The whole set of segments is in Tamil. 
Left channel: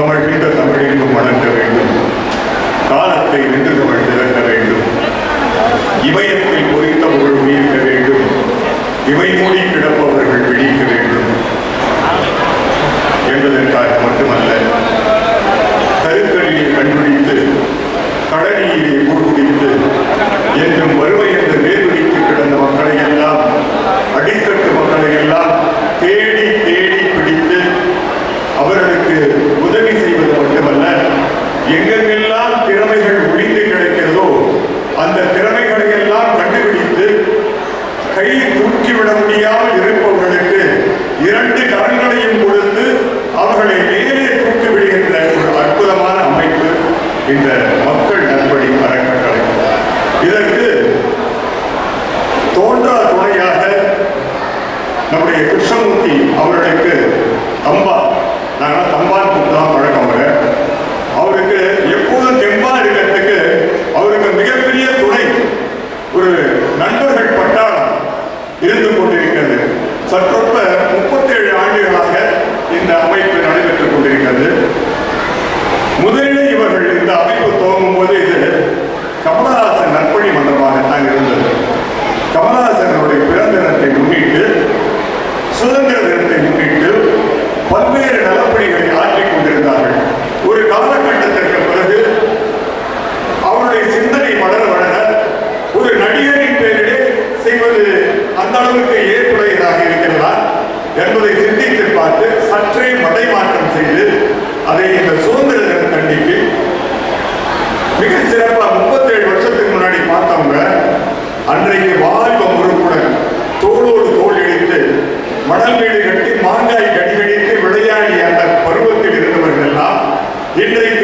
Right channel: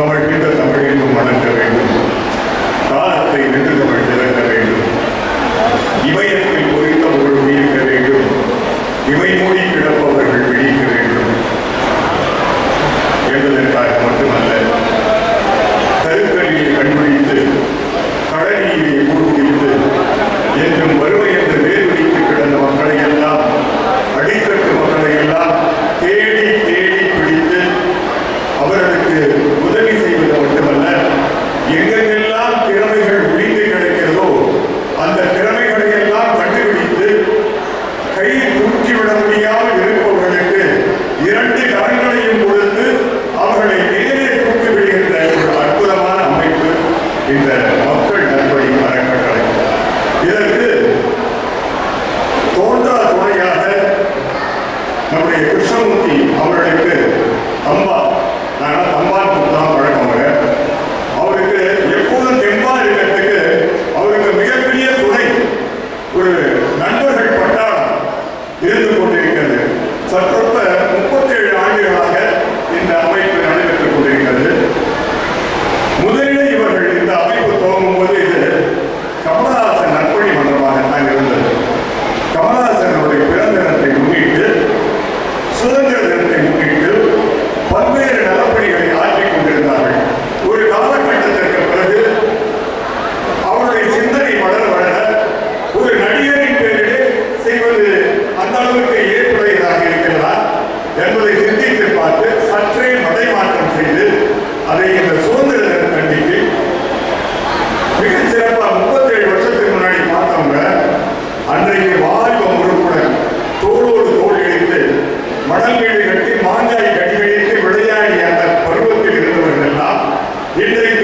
Oh my Twitter நம்முடைய கிருஷ்ணமூர்த்தி அவர்களுக்கு தம்பா நாங்கள் தம்பான் தான் பழக்கம் அவர். அவருக்கு எப்போதும் தெம்பா இருக்கிறதுக்கு அவருக்கு மிகப்பெரிய துணை ஒரு நண்பர் அந்த அளவுக்கு ஏற்புடையதாக இருக்கிறதா என்பதை சிந்தித்து பார்த்து சற்றே மடைமாற்றம் செய்து அதை இந்த சுதந்திர தின கண்டிக்கு மிகச் சிறப்பா முப்பத்தேழு வருஷத்துக்கு முன்னாடி பார்த்தவங்க அன்றைக்கு வாலிப முறுப்புடன் தோளோடு தோல் இணைத்து மணல் வீடு கட்டி மாங்காய் கடிகடித்து விளையாடிய அந்த பருவத்தில் இருந்தவர்கள் எல்லாம் இன்றைக்கு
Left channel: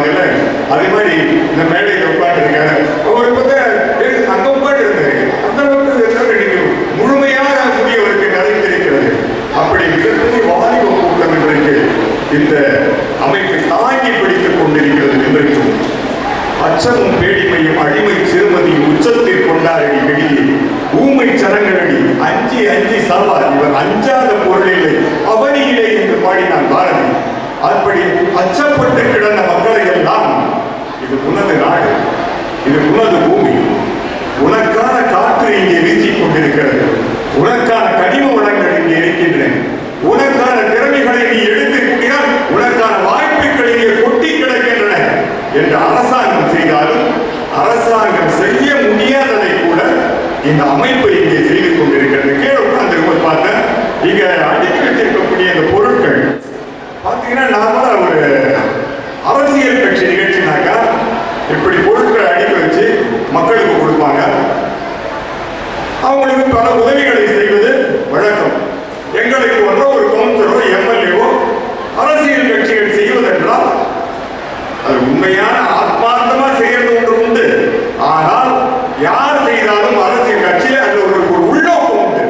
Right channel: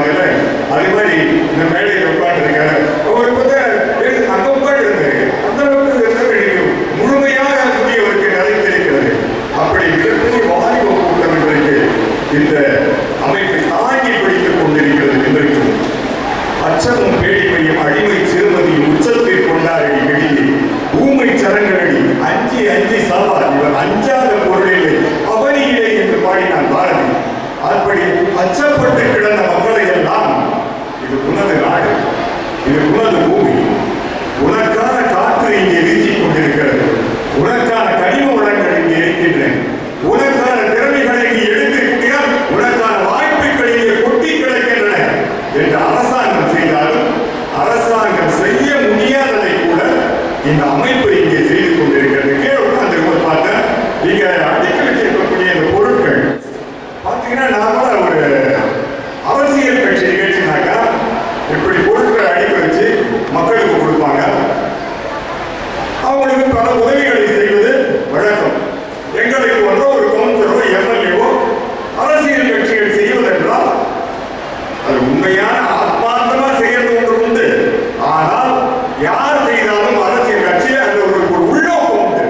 நிறைய அதே மாதிரி இந்த மேடையில் உட்கார்ந்துருக்காரு. அவர் பார்த்தா ஏய், அங்க உட்கார்ந்து இருந்தாரு அந்த அளவுக்கு முழுமையாக கூடியவருக்கு நிறைந்திருக்கிறது அப்படி மிகப்பெரிய வாலிப கூட்டம் இன்றைக்கு இந்த அமைப்பை தாங்கி பிடித்துக் கொண்டிருக்கிறது இன்றைக்கும். அச்சமும் பேடிமையும் அடிமை சிறுமதியும் உச்சத்தில் கொண்டாடி வெளியே ஊமை சரங்களடி அஞ்சு அஞ்சு சாவார் இவர் அஞ்சாத பொருளில்லை அவனியிலே என்று பாடினான் பல உதவிகளை செய்வது வழக்கம். எங்களுக்கு போன்ற ஒரு கவுன்சிலரோ எம்எல்ஏவோ அரசியல் கட்சிகள் செய்வதென்றால் அது உண்மையான ஆத்மார்த்தமா செய்யறது ஒன்று உண்டு. ஆனால் யார் செய்தாலும் அரசியல் கட்சி அது ஒரு உள்நோக்கம் உண்டு.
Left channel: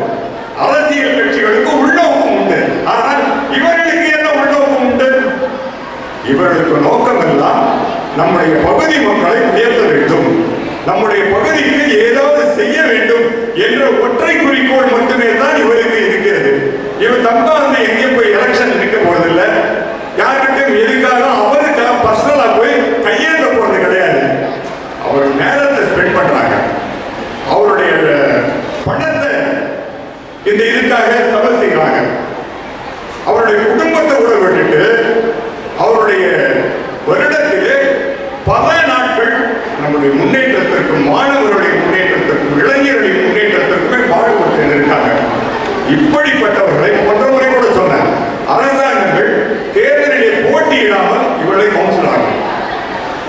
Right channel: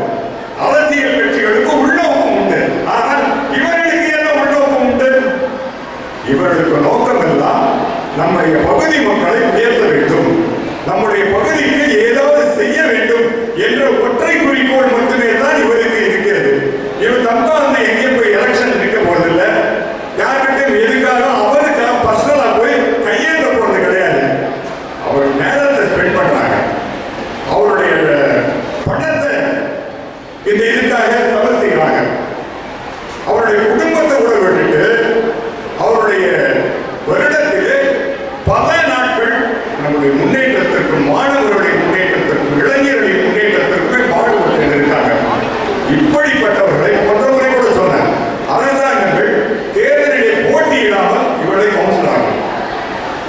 அரசியல் கட்சிகளுக்கு உள்நோக்கம் உண்டு. ஆனால் இவர்களுக்கு என்ன உள்நோக்கம் உண்டு? இவர்களுக்கு நோக்கம் எல்லாம் நம்முடைய பகுதி மக்களை உயர்த்த வேண்டும். நம்முடைய பகுதிக்கு என்ற ஒற்றை குறிக்கோள் மட்டுமே தான் இவருக்கு இருக்கிறது. இவர் தப்பா வந்து எங்கேயும் போய் எலெக்ஷன் நிற்க போறதில்லை. யாருக்கிட்டையும் எதுக்காக அவருக்கு பர்சனலா போய் கையேற்ற போறது கிடையாது. அவர் நேரத்தை ஸ்பெண்ட் பண்றாங்க. அவருடைய பணத்தை இந்த இதுக்காக செலவு செய்கிறாங்க அவருடைய குடும்பத்தை கூட விட்டுட்டு அவருடைய வருடத்திலே பல நாட்கள் நம்முடைய முன்னேற்றத்திற்கும்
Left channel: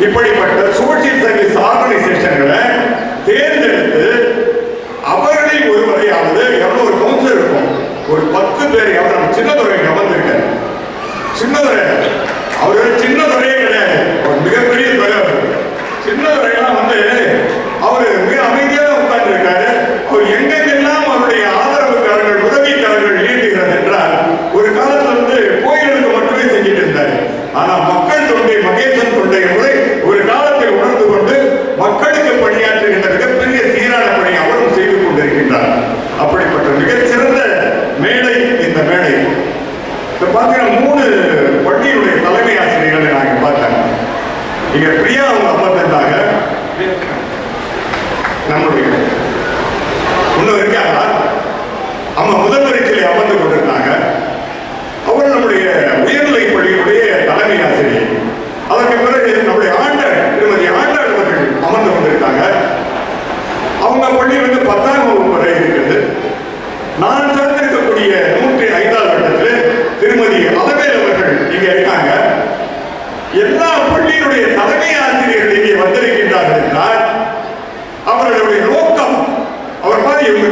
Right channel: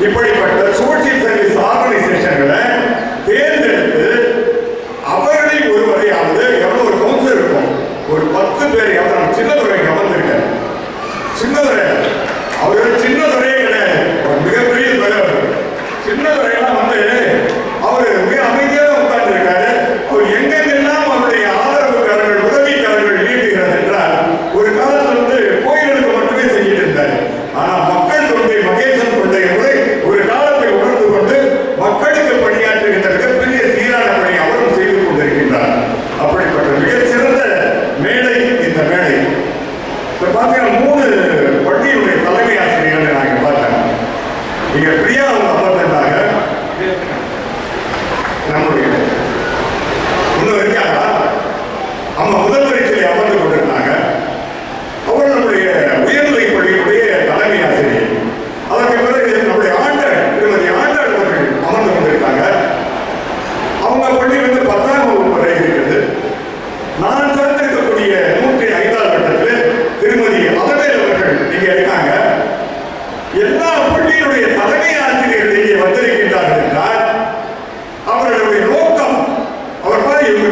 இப்படிப்பட்ட சோசியல் சர்வீஸ் ஆர்கனைசேஷன்களை தேர்ந்தெடுத்து அவர்களை ஒருவரையாவது எவ்வளோ ஒரு கவுன்சில் இருக்கும். ஒரு பத்து பேர் எவ்வளவு சின்னதுரை கவர்ந்திருக்காரு. சின்னதுரை அவர்கள் சின்னதுரையே கிடையாது ஒரு மிகப்பெரிய தலைவர் இப்போ பார்த்தீங்கன்னா மூணு பள்ளியுடைய தலைமை நான் இங்கே பார்த்தேன். இங்கே பிரியா அவங்க அமர்ந்திருந்தாங்க நம்மளுடைய. உள்ள வரைக்கும் ஆமாம் முதல்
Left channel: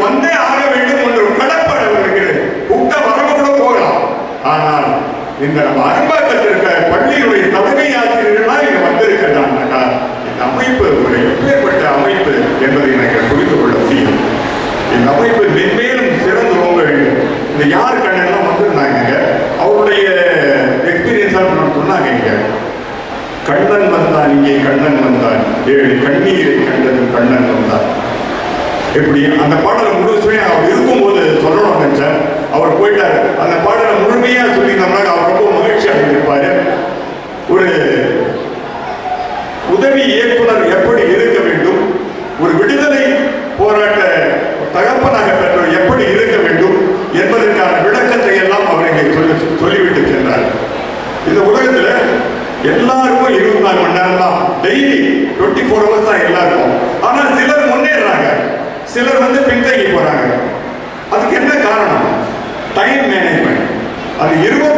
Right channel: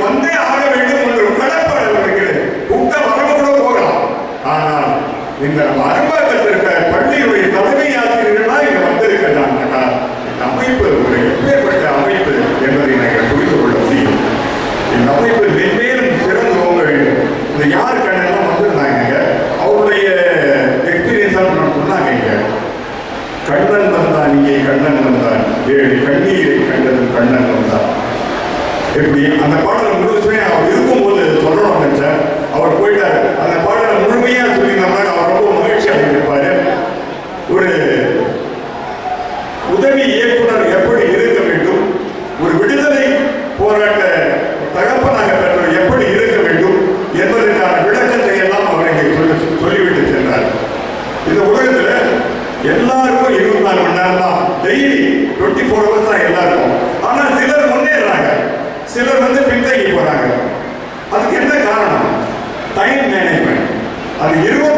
வந்தே ஆக வேண்டும் என்ற ஒரு கடப்பாடு அவர்களுக்கு வரவு கூட போகலாம். ஆனால் இந்த நம்ம அரும்பாக்கத்தில் இருக்க பள்ளியுடைய தலைமை ஆசிரியர்களாக இங்க வந்திருக்கிறாங்க இந்த அமைப்பு ஒரு எப்பேற்பட்ட அமைப்பு என்பதை நீங்கள் புரிந்து கொள்ள முடியும். இந்த அமைப்பு மென்மேலும் சிறந்து போக வேண்டும். இந்த யார் கண்ணெல்லாம் வந்திருந்தாங்க? அவருடைய எக்ஸ்பீரியன்ஸாக சொன்னாங்க இங்க. கண்ணன் வந்தான் இங்கே கண்ணன் வந்தான். ஏழு கண்ணீரை கண்டதும் கண்ணன் வந்தான். எப்படி அந்த பாடலை முழுசுமே அவர் இருக்கும்போது சொல்லணும் நினைச்சேன். அவர் போயிட்டாரு. அந்த பாடலை முழுமையா சொல்லியிருந்தோம்னா அவர் ரொம்ப மகிழ்ச்சி அடைந்திருப்பார் ஒரு உதவி இயக்குனர் எப்படி இருக்க வேண்டும்? ஒரு விடுதலை போராட்ட தகப்பனாக பெற்றவர் எப்படி இருக்க வேண்டும்? என்பதற்கான விளக்கத்தை எல்லாம் அவர் இங்கே சொல்லி சொல்லிவிட்டு சென்றார். இந்த உலகத்தில் எல்லாருக்கும் இருபத்தி நாலு மணி நேரம் தான் டெய்லி டுவெண்ட்டி ஃபோர் ஹவர்ஸ் தான் எல்லாருக்கும் சிலர் வந்து பின்தங்கி போறாங்க. அதுக்கு என்ன காரணம்? டைம் மேனேஜ்மெண்ட் அது இருபது